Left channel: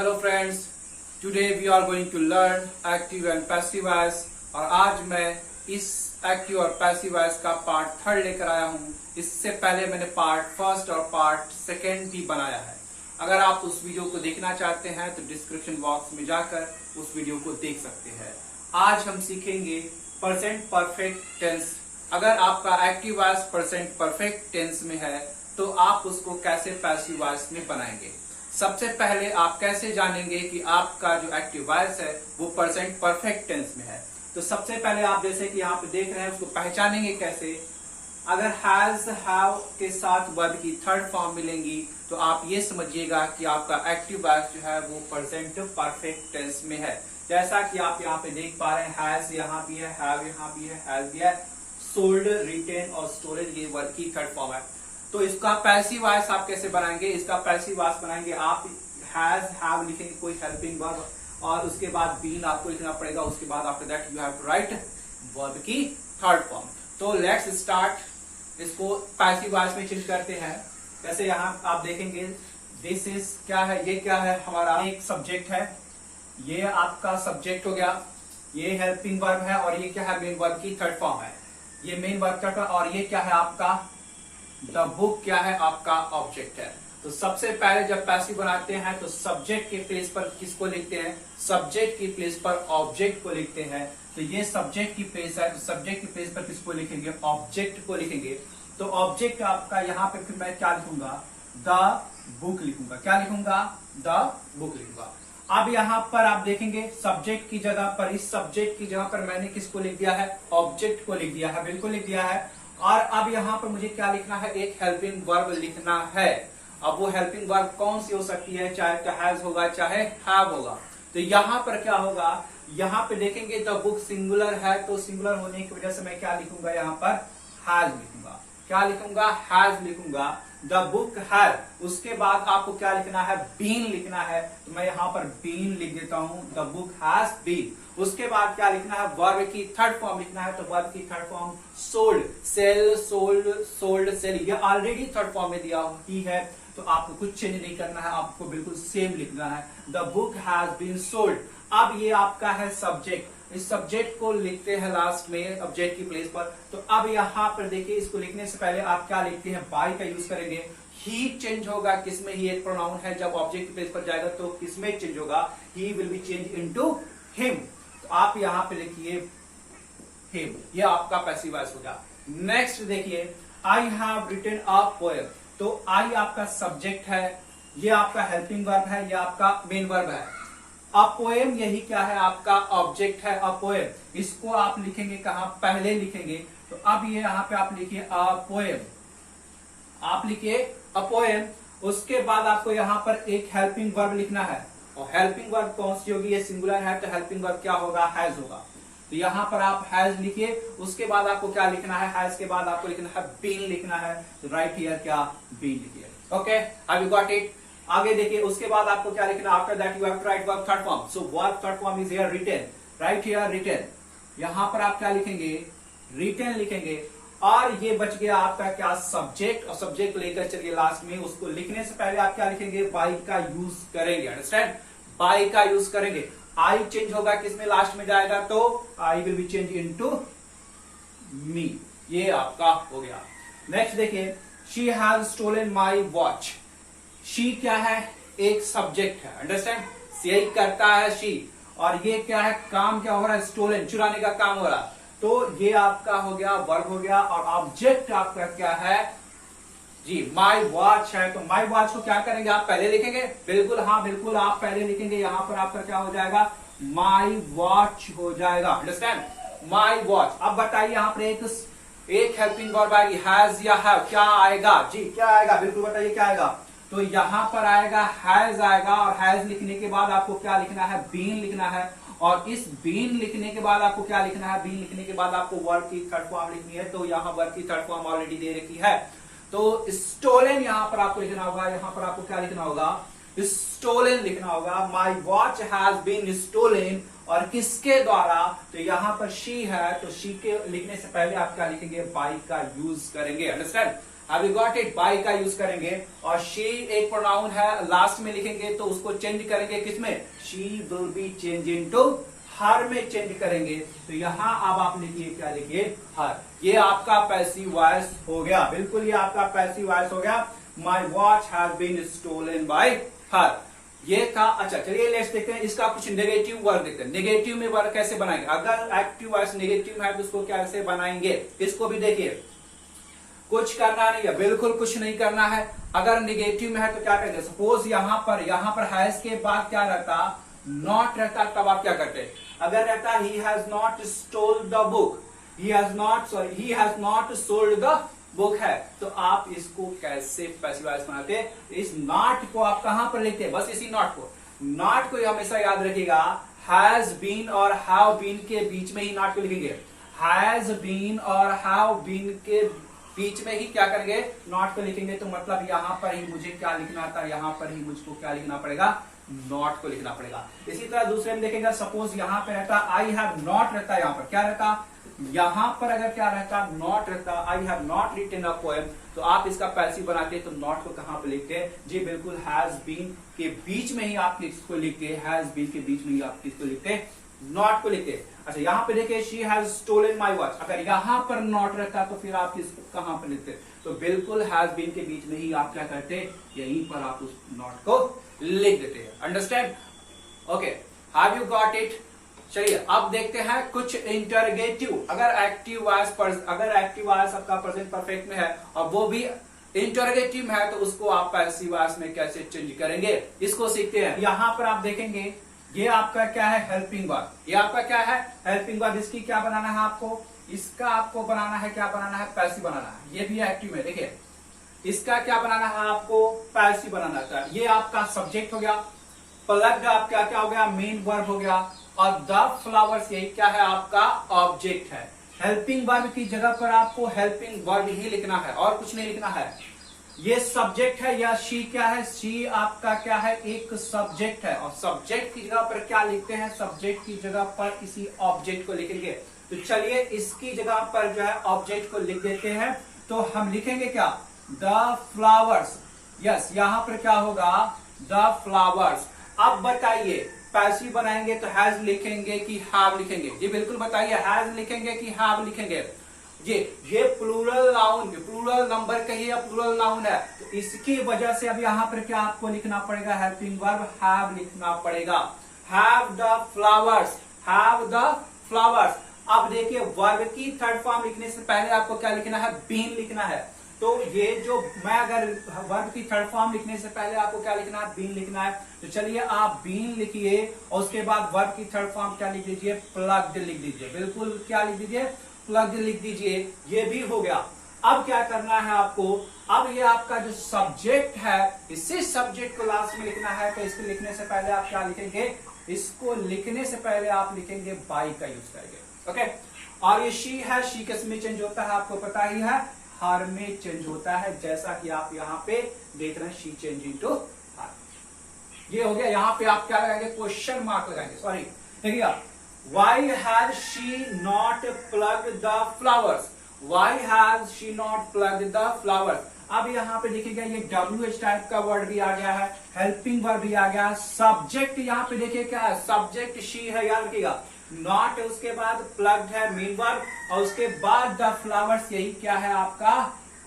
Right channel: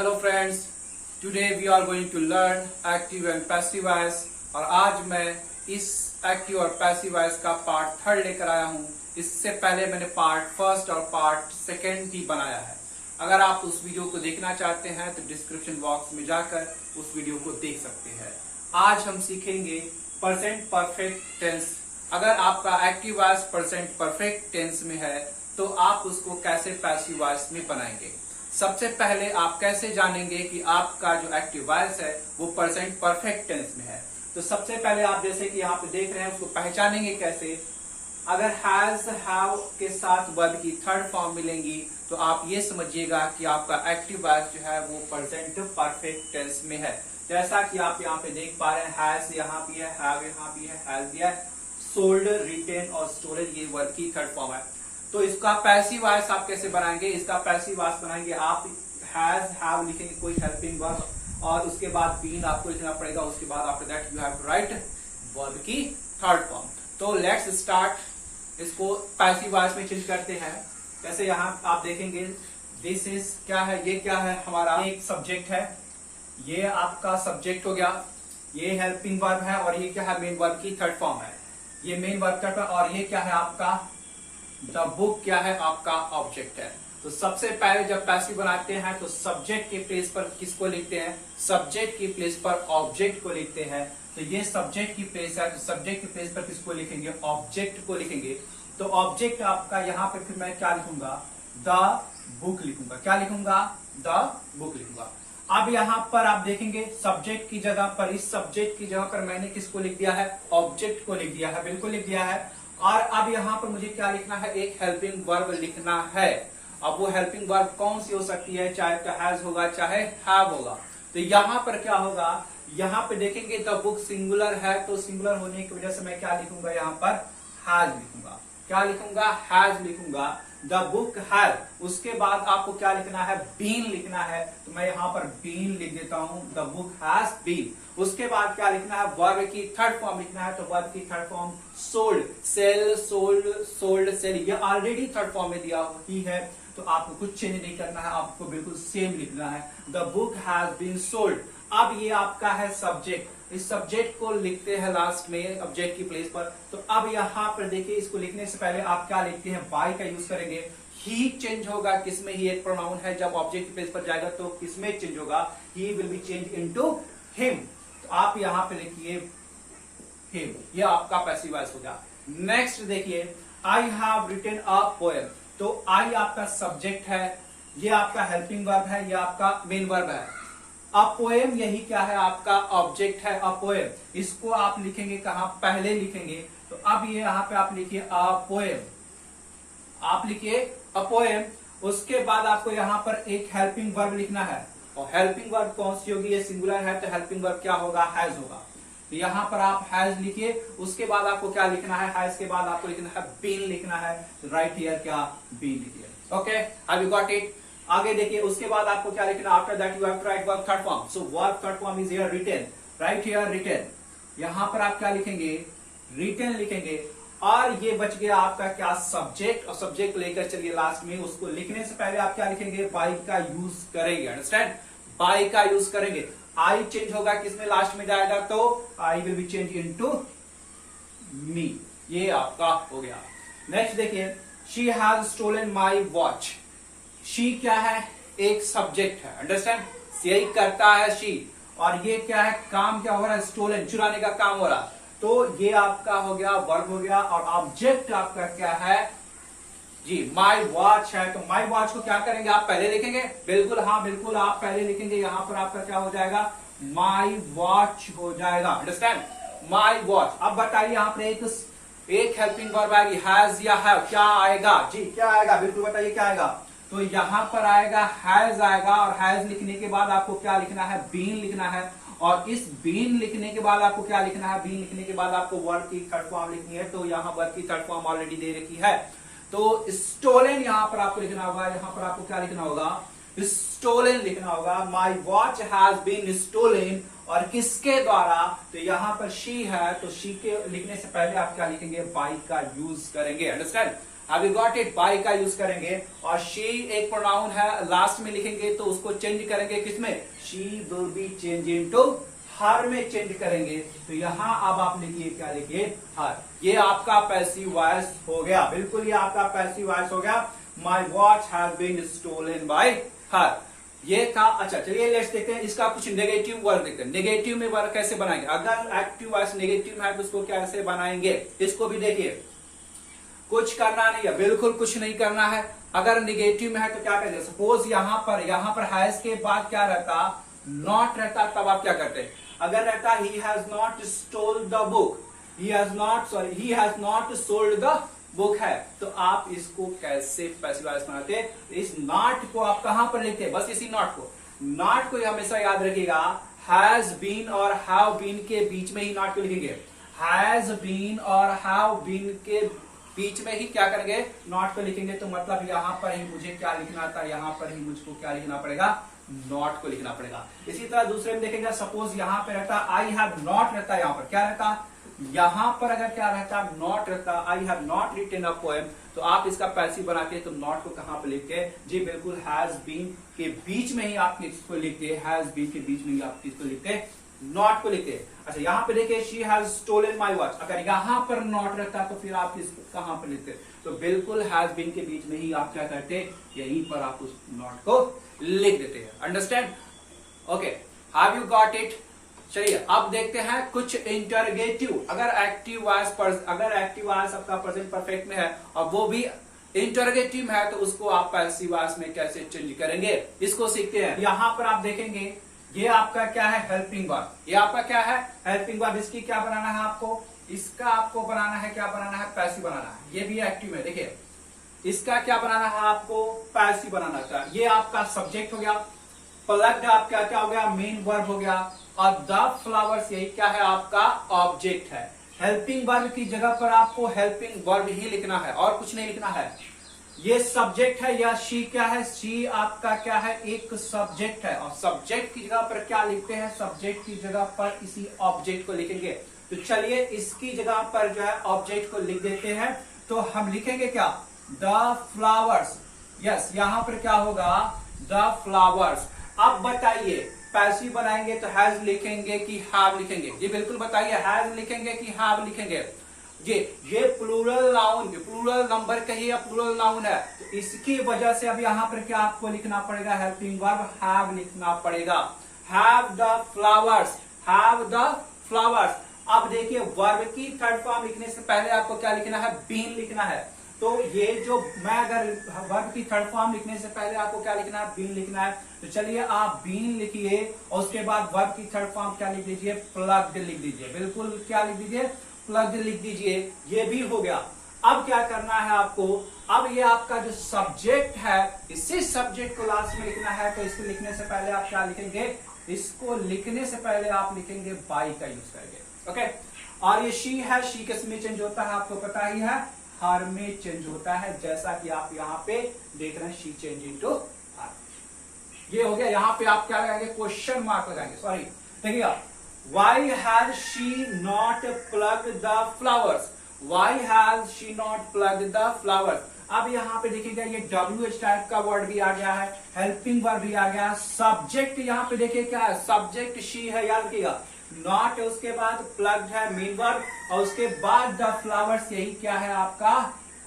Hello friends, today we are going to learn active and passive voice. और आज मैं इस एक्टिव और पैसिव वॉइस का पार्ट 3 लेकर आया हूँ। इससे पहले मैंने पार्ट 1 और पार्ट 2 भी बनाया है। अगर आप उस वीडियो को देखना चाहते हैं तो डिस्क्रिप्शन बॉक्स में जाकर उस वीडियो को देख सकते हैं। आज हम सीखेंगे प्रेजेंट परफेक्ट टेंस। अगर आपका active voice present perfect tense में है तो आप उसको कैसे पैसिव वॉइस में बनाएंगे। सबसे पहले आप कैसे जानेंगे कि आपका जो एक्टिव वॉइस है वो प्रेजेंट परफेक्ट टेंस में है। तो सबसे पहले आप जैसे कि यहाँ पे देख रहे हैं उसको पहचानेंगे कैसे। अगर हैज हैव के साथ वर्ब की थर्ड फॉर्म मिलेंगी तो आप ये समझिएगा कि आपका एक्टिव वॉइस जो है वो प्रेजेंट परफेक्ट टेंस में है। जैसा कि आप यहाँ पे देख पा रहे हैं, हैज यहाँ भी है, हैव यहाँ भी है, हैज भी है, सोल्ड, रिटेन और स्टोलन ये वर्ब की थर्ड फॉर्म है। तो इसका पैसिव वॉइस आप कैसे बनाएंगे। इसका पैसिव वॉइस बनाएंगे आप हैज हैव लिखेंगे कोई हेल्पिंग वर्ब और उसके बाद बीन आपको लिखना पड़ेगा। उसके बाद after that you have to write verb की थर्ड फॉर्म। तो लेट्स स्टार्ट। इसको पैसिव वॉइस में चेंज करते हैं। वैसे यहाँ आप देखेंगे दिस इज क्या है, ये क्या है, हमारा एक सब्जेक्ट है। ये आपका सब्जेक्ट हो गया, ये हेल्पिंग वर्ब है और ये क्या है, मेन वर्ब की थर्ड फॉर्म है। ये मेन वर्ब का और ये क्या है आपका द बुक क्या है, आपका ऑब्जेक्ट है। तो सबसे पहले जब पैसिव बनाते हैं तो सब्जेक्ट के प्लेस पर किसको लिखते हैं, सब्जेक्ट की प्लेस पर ऑब्जेक्ट को लिखते हैं। तो ये सब्जेक्ट की प्लेस है, तो सब्जेक्ट की प्लेस पर किसको लिखेंगे, ऑब्जेक्ट को लिखेंगे। तो ऑब्जेक्ट आपका यहाँ पे फिर मैं क्या लिखूंगा, द बुक लिखूंगा। क्या लिखूंगा, द बुक लिखूंगा। अब यहाँ पर आप देखेंगे सब्जेक्ट की जगह पर, इस सब्जेक्ट की जगह पर मैंने किसको लिख दिया है, ऑब्जेक्ट को लिख दिया है, बिल्कुल लिख दिया है। और अब यहाँ पर मुझे क्या लिखना है, एक हेल्पिंग वर्ब लिखना है। अब वो हेल्पिंग वर्ब कौन सी हो सकती है, चाहे तो हैज होगा चाहे हैव होगा। तो यहाँ पर क्या होगा, यहाँ पे देखेंगे द बुक सिंगुलर है तो सिंगुलर होने की वजह से मैं क्या लिखूंगा, यहाँ पर हैज लिखूंगा। क्या लिखूंगा, हैज लिखूंगा। द बुक हैज, उसके बाद आपको क्या लिखना है, बीन लिखना है। तो मैं यहाँ पर बीन लिख देता हूं, द बुक हैज बीन। उसके बाद क्या लिखना है, वर्ब की थर्ड फॉर्म लिखना है। तो वर्ब की third form sold, sell, sold, sold, sell, ये ऑलरेडी थर्ड फॉर्म में दिया ही है तो आपको कुछ चेंज नहीं करना है, आपको बिल्कुल सेम लिखना है, the book has been sold. अब ये आपका है सब्जेक्ट, इस सब्जेक्ट को लिखते हैं लास्ट में ऑब्जेक्ट की प्लेस पर। तो अब यहाँ पर देखिए इसको लिखने से पहले आप क्या लिखते हैं, बाय का यूज करेंगे। ही चेंज होगा, किसमें, ही एक प्रोनाउन है, जब ऑब्जेक्ट की प्लेस पर जाएगा तो किसमें चेंज होगा, he will be change into him. तो आप यहाँ पे लिखिए हिम, ये आपका पैसिव वॉइस हो गया। नेक्स्ट देखिए, I have written a poem. तो आई आपका सब्जेक्ट है, ये आपका हेल्पिंग वर्ब है, ये आपका मेन वर्ब है। अ पोएम यही क्या है, आपका ऑब्जेक्ट है, अ पोएम। इसको आप लिखेंगे कहां, पहले लिखेंगे। तो अब ये यहाँ पे आप लिखिए अ पोएम, आप लिखिए अ पोएम। उसके बाद आपको यहाँ पर एक हेल्पिंग वर्ब लिखना है और हेल्पिंग वर्ब कौन सी होगी, ये सिंगुलर है तो हेल्पिंग वर्ब क्या होगा, हैज होगा। तो यहाँ पर आप हैज लिखिए। उसके बाद आपको क्या लिखना है, हैज के बाद आपको लिखना है बीन लिखना है। राइट हियर क्या, बीन लिखिए। Okay, have you got it. आगे देखिए, उसके बाद आपको क्या लिखना, after that you have to write verb third form. So verb third form is here written, right here written. यहां पर आप क्या लिखेंगे, रिटन लिखेंगे। और ये बच गया आपका क्या, सब्जेक्ट। और सब्जेक्ट लेकर चलिए लास्ट में, उसको लिखने से पहले आप क्या लिखेंगे, बाय का यूज करेंगे। अंडरस्टैंड, बाय का यूज करेंगे। आई चेंज होगा, किसमें लास्ट में जाएगा, तो I will be change into me, ये आपका हो गया। नेक्स्ट देखिए, she has stolen my watch. She क्या है, एक सब्जेक्ट है। अंडरस्टैंड, यही करता है शी। और ये क्या है, काम क्या हो रहा है, स्टोलन, चुराने का काम हो रहा। तो ये आपका हो गया वर्ब हो गया। और ऑब्जेक्ट आपका क्या है जी, माई वॉच है। तो माई वॉच को क्या करेंगे, आप पहले लिखेंगे, बिल्कुल, हाँ बिल्कुल आप पहले लिखेंगे। यहां पर आपका क्या हो जाएगा, माई वॉच हो जाएगा। Understand, my watch. अब बताइए यहाँ पर एक हेल्पिंग वर्ब आएगी, हैज या हैव, क्या आएगा जी, क्या आएगा, बिल्कुल बताइए क्या आएगा। तो यहां पर आएगा हैज आएगा। और हैज लिखने के बाद आपको क्या लिखना है, बीन लिखना है। और इस बीन लिखने के बाद आपको क्या लिखना है, बीन लिखने के बाद आपको वर्ब की थर्ड फॉर्म लिखनी है। तो यहाँ वर्ब की थर्ड फॉर्म ऑलरेडी दे रखी है। तो स्टोलन यहां पर आपको लिखना होगा, यहां पर आपको क्या लिखना होगा, स्टोलन लिखना होगा। My watch has been stolen. और किसके द्वारा, तो यहां पर शी है तो शी के लिखने से पहले आप क्या लिखेंगे, बाय का यूज करेंगे। Understand, have you got it? By का यूज करेंगे और शी एक प्रोनाउन है, लास्ट में लिखेंगे तो उसको चेंज करेंगे किसमें? She will be change into हर में चेंज करेंगे। तो यहां अब आप लिखिए, क्या लिखिए? हर। ये आपका पैसिव वॉइस हो गया, बिल्कुल ये आपका पैसिव वॉइस हो गया। My watch has been stolen by her, ये था। अच्छा चलिए लेट्स देखते हैं इसका कुछ नेगेटिव वर्ड देखते हैं। नेगेटिव में वर्ड कैसे बनाएंगे? अगर एक्टिव वॉइस नेगेटिव है तो उसको कैसे बनाएंगे, इसको भी देखिए। कुछ करना नहीं है, बिल्कुल कुछ नहीं करना है। अगर नेगेटिव में है तो क्या करेंगे? सपोज यहां पर हैज के बाद क्या रहता? नॉट रहता, तब आप क्या करते? अगर रहता he has not stole the book, he has not sold the book है, तो आप इसको कैसे पैसिव वॉइस बनाते? इस नॉट को आप कहां पर लिखते हैं? बस इसी नॉट को, नॉट को हमेशा याद रखिएगा। हैज बीन और हैव बीन के बीच में ही नॉट को लिखेंगे। हैज बीन और हैव बीन के बीच में ही क्या करेंगे? नॉट को लिखेंगे। तो मतलब यहां पर ही मुझे क्या लिखना था? यहां पर ही मुझको क्या लिखना पड़ेगा? नॉट को लिखना पड़ेगा। इसी तरह दूसरे में देखेंगे, सपोज यहां पे रहता आई हैव नॉट रहता, यहां पर क्या रहता? यहां पर अगर क्या रहता? नॉट रहता, I have not written a poem, तो आप इसका पैसिव बनाते हैं तो नॉट को कहां पे लिखते हैं? जी बिल्कुल हैज बीन के बीच में ही आप इसको लिखते हैं। हैज बीन के बीच में ही आप इसको लिखते हैं, नॉट को लिखते हैं। अच्छा यहां पे देखिए, she has stolen my watch, अगर यहां पर नॉट रहता तो फिर आप इसको कहां पर लिखते? तो बिल्कुल हैज बीन के बीच में ही आप क्या करते हैं? यहीं पर आप उस नॉट को लिख देते हैं। Understand? Okay, have you got it? चलिए अब देखते हैं कुछ इंटरगेटिव। अगर एक्टिव वॉइस आपका प्रेजेंट परफेक्ट में है और वो भी इंटरगेटिव है, तो उसको आप पैसिव वॉइस में कैसे चेंज करेंगे, इसको सीखते हैं। यहां पर आप देखेंगे, ये आपका क्या है? Helping verb. ये आपका क्या है? Helping verb. इसकी क्या बनाना है आपको? इसका आपको बनाना है, क्या बनाना है? पैसिव बनाना है। ये भी एक्टिव है, देखिए इसका क्या बनाना है आपको? पैसिव बनाना था। ये आपका सब्जेक्ट हो गया, प्लग्ड आपका क्या हो गया? मेन वर्ब हो गया, और द फ्लावर्स यही क्या है? आपका ऑब्जेक्ट है। हेल्पिंग वर्ब की जगह पर आपको हेल्पिंग वर्ब ही लिखना है और कुछ नहीं लिखना है। ये सब्जेक्ट है या शी क्या है? शी आपका क्या है? एक सब्जेक्ट है, और सब्जेक्ट की जगह पर क्या लिखते हैं? सब्जेक्ट की जगह पर इसी ऑब्जेक्ट को लिखेंगे। तो चलिए इसकी जगह पर जो है ऑब्जेक्ट को लिख देते हैं। तो हम लिखेंगे क्या? The flowers. यस, यहां पर क्या होगा? The flowers. अब बताइए पैसिव बनाएंगे तो हैज लिखेंगे कि हैव लिखेंगे? जी बिल्कुल बताइए, हैज लिखेंगे कि हैव लिखेंगे? ये प्लूरल नाउन, प्लूरल नंबर कहिए या प्लूरल नाउन है, तो इसकी वजह से अब यहां पर क्या आपको लिखना पड़ेगा? हेल्पिंग वर्ब हैव लिखना पड़ेगा। Have the flowers, have the flowers. अब देखिए वर्ब की थर्ड फॉर्म लिखने से पहले आपको क्या लिखना है? बीन लिखना है। तो ये जो मैं अगर वर्ब की थर्ड फॉर्म लिखने से पहले आपको क्या लिखना है? बीन लिखना है। तो चलिए आप बीन लिखिए और उसके बाद वर्ब की थर्ड फॉर्म क्या लिख दीजिए? प्लग्ड लिख दीजिए। बिल्कुल क्या लिख दीजिए? प्लग्ड लिख दीजिए। ये भी हो गया। अब क्या करना है आपको? अब ये आपका जो सब्जेक्ट है, इसी सब्जेक्ट को लास्ट में लिखना है। तो इसको लिखने से पहले आप क्या लिखेंगे? इसको लिखने से पहले आप लिखेंगे बाई का यूज करेंगे। ओके, और ये शी है, शी किस में चेंज होता है आपको पता ही है? हर में चेंज होता है, जैसा कि आप यहाँ पे देख रहे हैं, शी चेंज इनटू हर। ये हो गया। यहाँ पे आप क्या लगाएंगे? क्वेश्चन मार्क लगाएंगे। सॉरी, देखिएगा, why has she not plugged the flowers? Why has she not plugged the flowers? अब यहाँ पे देखिएगा, ये WH टाइप का वर्ड भी आ गया है, हेल्पिंग वर्ब भी आ गया, सब्जेक्ट यहाँ पे देखिए क्या है? सब्जेक्ट शी है, याद रखिएगा। नॉट है, उसके बाद प्लग्ड है मेन वर्ब, और उसके बाद द फ्लावर्स यही क्या है? आपका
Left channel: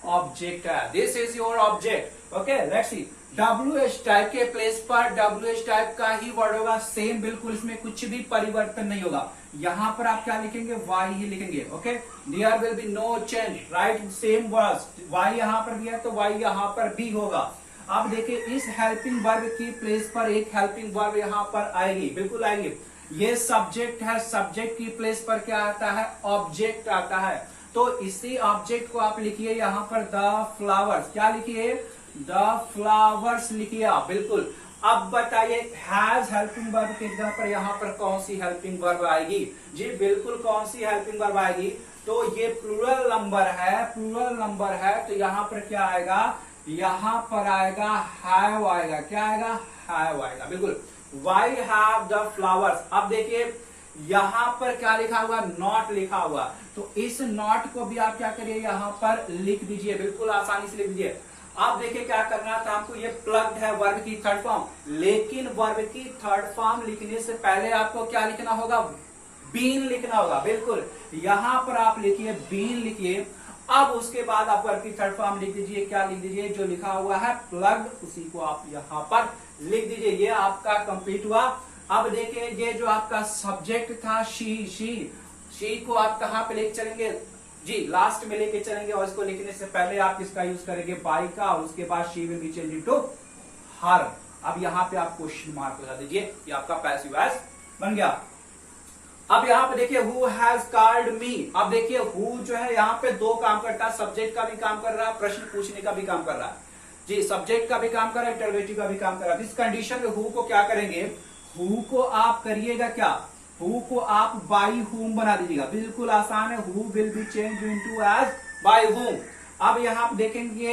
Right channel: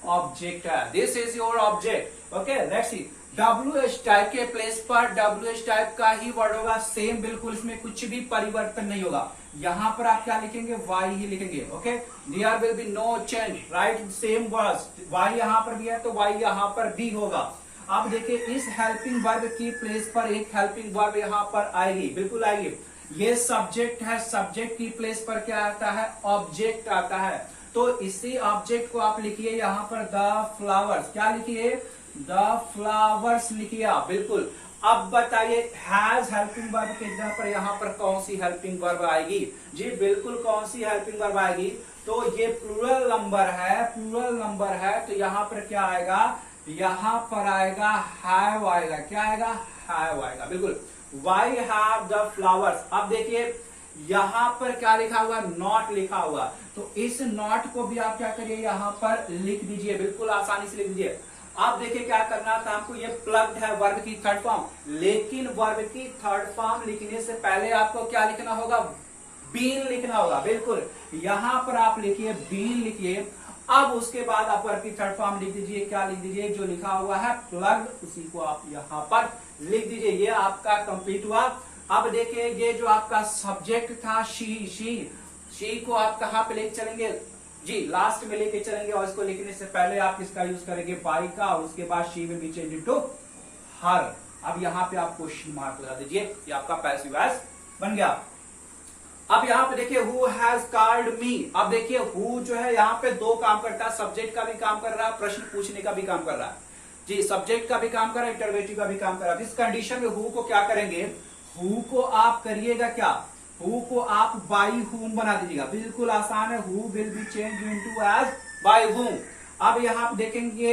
ऑब्जेक्ट है। This is your object. Okay, let's see. WH type के प्लेस पर WH टाइप का ही वर्ड होगा, सेम बिल्कुल, इसमें कुछ भी परिवर्तन नहीं होगा। यहां पर आप क्या लिखेंगे? वाई ही लिखेंगे। Okay, there will be no change, right? Same words, why यहां पर भी है तो वाई यहां पर भी होगा। अब देखिए, इस हेल्पिंग वर्ब की प्लेस पर एक हेल्पिंग वर्ब यहां पर आएगी, बिल्कुल आएगी। ये सब्जेक्ट है, सब्जेक्ट की प्लेस पर क्या आता है? ऑब्जेक्ट आता है। तो इसी ऑब्जेक्ट को आप लिखिए यहां पर द फ्लावर्स। क्या लिखिए? द फ्लावर्स लिखिए आप, बिल्कुल। अब बताइए, हैज हेल्पिंग वर्ब की जगह पर यहां पर कौन सी हेल्पिंग वर्ब आएगी? जी बिल्कुल, कौन सी हेल्पिंग वर्ब आएगी? तो ये प्लूरल नंबर है, प्लूरल नंबर है, तो यहां पर क्या आएगा? यहां पर आएगा हैव आएगा। क्या आएगा? हैव आएगा, बिल्कुल। Why have the flowers? अब देखिए, यहाँ पर क्या लिखा हुआ, नॉट लिखा हुआ, तो इस नॉट को भी आप क्या करिए, यहाँ पर लिख दीजिए, बिल्कुल आसानी से लिख दीजिए। आप देखिए क्या करना था आपको, ये प्लग्ड है वर्ब की थर्ड फॉर्म, लेकिन वर्ब की थर्ड फॉर्म लिखने से पहले आपको क्या लिखना होगा, बीन लिखना होगा। बिल्कुल यहां पर आप लिखिए, बीन लिखिए। अब उसके बाद आप वर्ब की थर्ड फॉर्म लिख दीजिए, क्या लिख दीजिए, जो लिखा हुआ है प्लग्ड, उसी को आप यहां पर लिख दीजिए। ये आपका कंप्लीट हुआ। अब देखिए ये जो आपका सब्जेक्ट था शी को आप कहां पे लेके चलेंगे जी, लास्ट में लेके चलेंगे, और इसको लिखने से पहले आप किसका यूज करेंगे, बाई का, और उसके बाद she will be change into हर। अब यहां पे आप क्वेश्चन मार्क लगा दीजिए, ये आपका पैसिव वॉइस बन गया। अब यहाँ पे देखिए हु हैज कॉल्ड मी। अब देखिए हु जो है यहाँ पे दो काम करता है, सब्जेक्ट का भी काम कर रहा है, प्रश्न पूछने का भी काम कर रहा है जी, सब्जेक्ट का भी काम कर रहा है, इंटरोगेटिव का भी काम कर रहा है। इस कंडीशन में हु को क्या करेंगे, हु को आप करिएगा क्या, हु को आप बाई हुम बना दीजिएगा, बिल्कुल आसान है। Who will be change into as by whom. अब यहाँ आप देखेंगे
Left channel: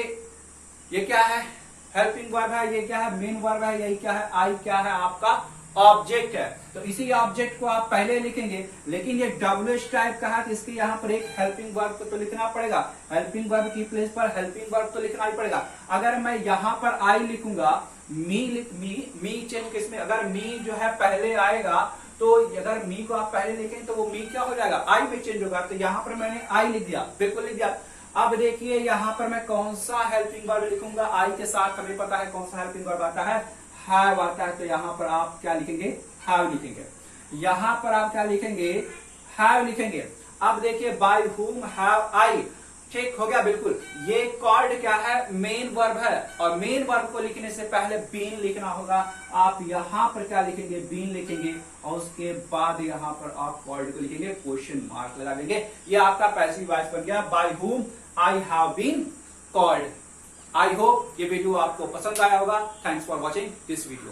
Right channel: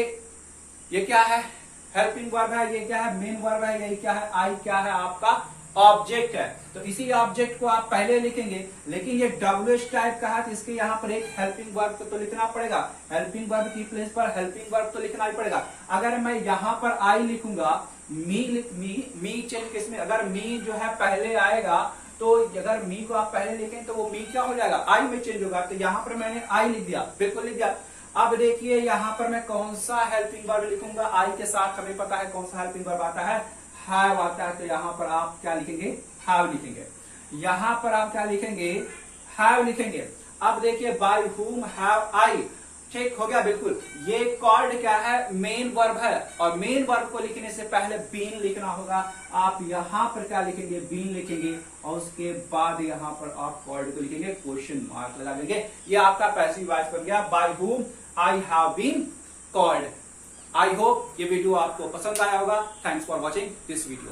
ये क्या है, हेल्पिंग वर्ब है, ये क्या है, मेन वर्ब है, यही क्या है, आई क्या है, आपका ऑब्जेक्ट है। तो इसी ऑब्जेक्ट को आप पहले लिखेंगे, लेकिन ये WH टाइप का है, तो इसके यहाँ पर एक हेल्पिंग वर्ब तो लिखना पड़ेगा, हेल्पिंग वर्ब की प्लेस पर हेल्पिंग वर्ब तो लिखना ही पड़ेगा। अगर मैं यहाँ पर आई लिखूंगा, मी चेंज किसमें, अगर मी जो है पहले आएगा, तो अगर मी को आप पहले लिखें तो वो मी क्या हो जाएगा, आई में चेंज होगा। तो यहाँ पर मैंने आई लिख दिया, बिल्कुल लिख दिया। अब देखिए यहाँ पर मैं कौन सा हेल्पिंग वर्ब लिखूंगा, आई के साथ हमें पता है कौन सा हेल्पिंग वर्ब आता है, हैव आता है। तो यहाँ पर आप क्या लिखेंगे, हैव लिखेंगे। यहाँ पर आप क्या लिखेंगे, हैव लिखेंगे। अब देखिए बाय हुम हैव आई, ठीक हो गया, बिल्कुल। ये कॉल्ड क्या है, मेन वर्ब है, और मेन वर्ब को लिखने से पहले बीन लिखना होगा। आप यहाँ पर क्या लिखेंगे, बीन लिखेंगे, और उसके बाद यहाँ पर आप कॉल्ड को लिखेंगे, क्वेश्चन मार्क लगा देंगे। ये आपका पैसिव वॉइस बन गया, by whom I have been called. I hope ये वीडियो आपको पसंद आया होगा। Thanks for watching this video.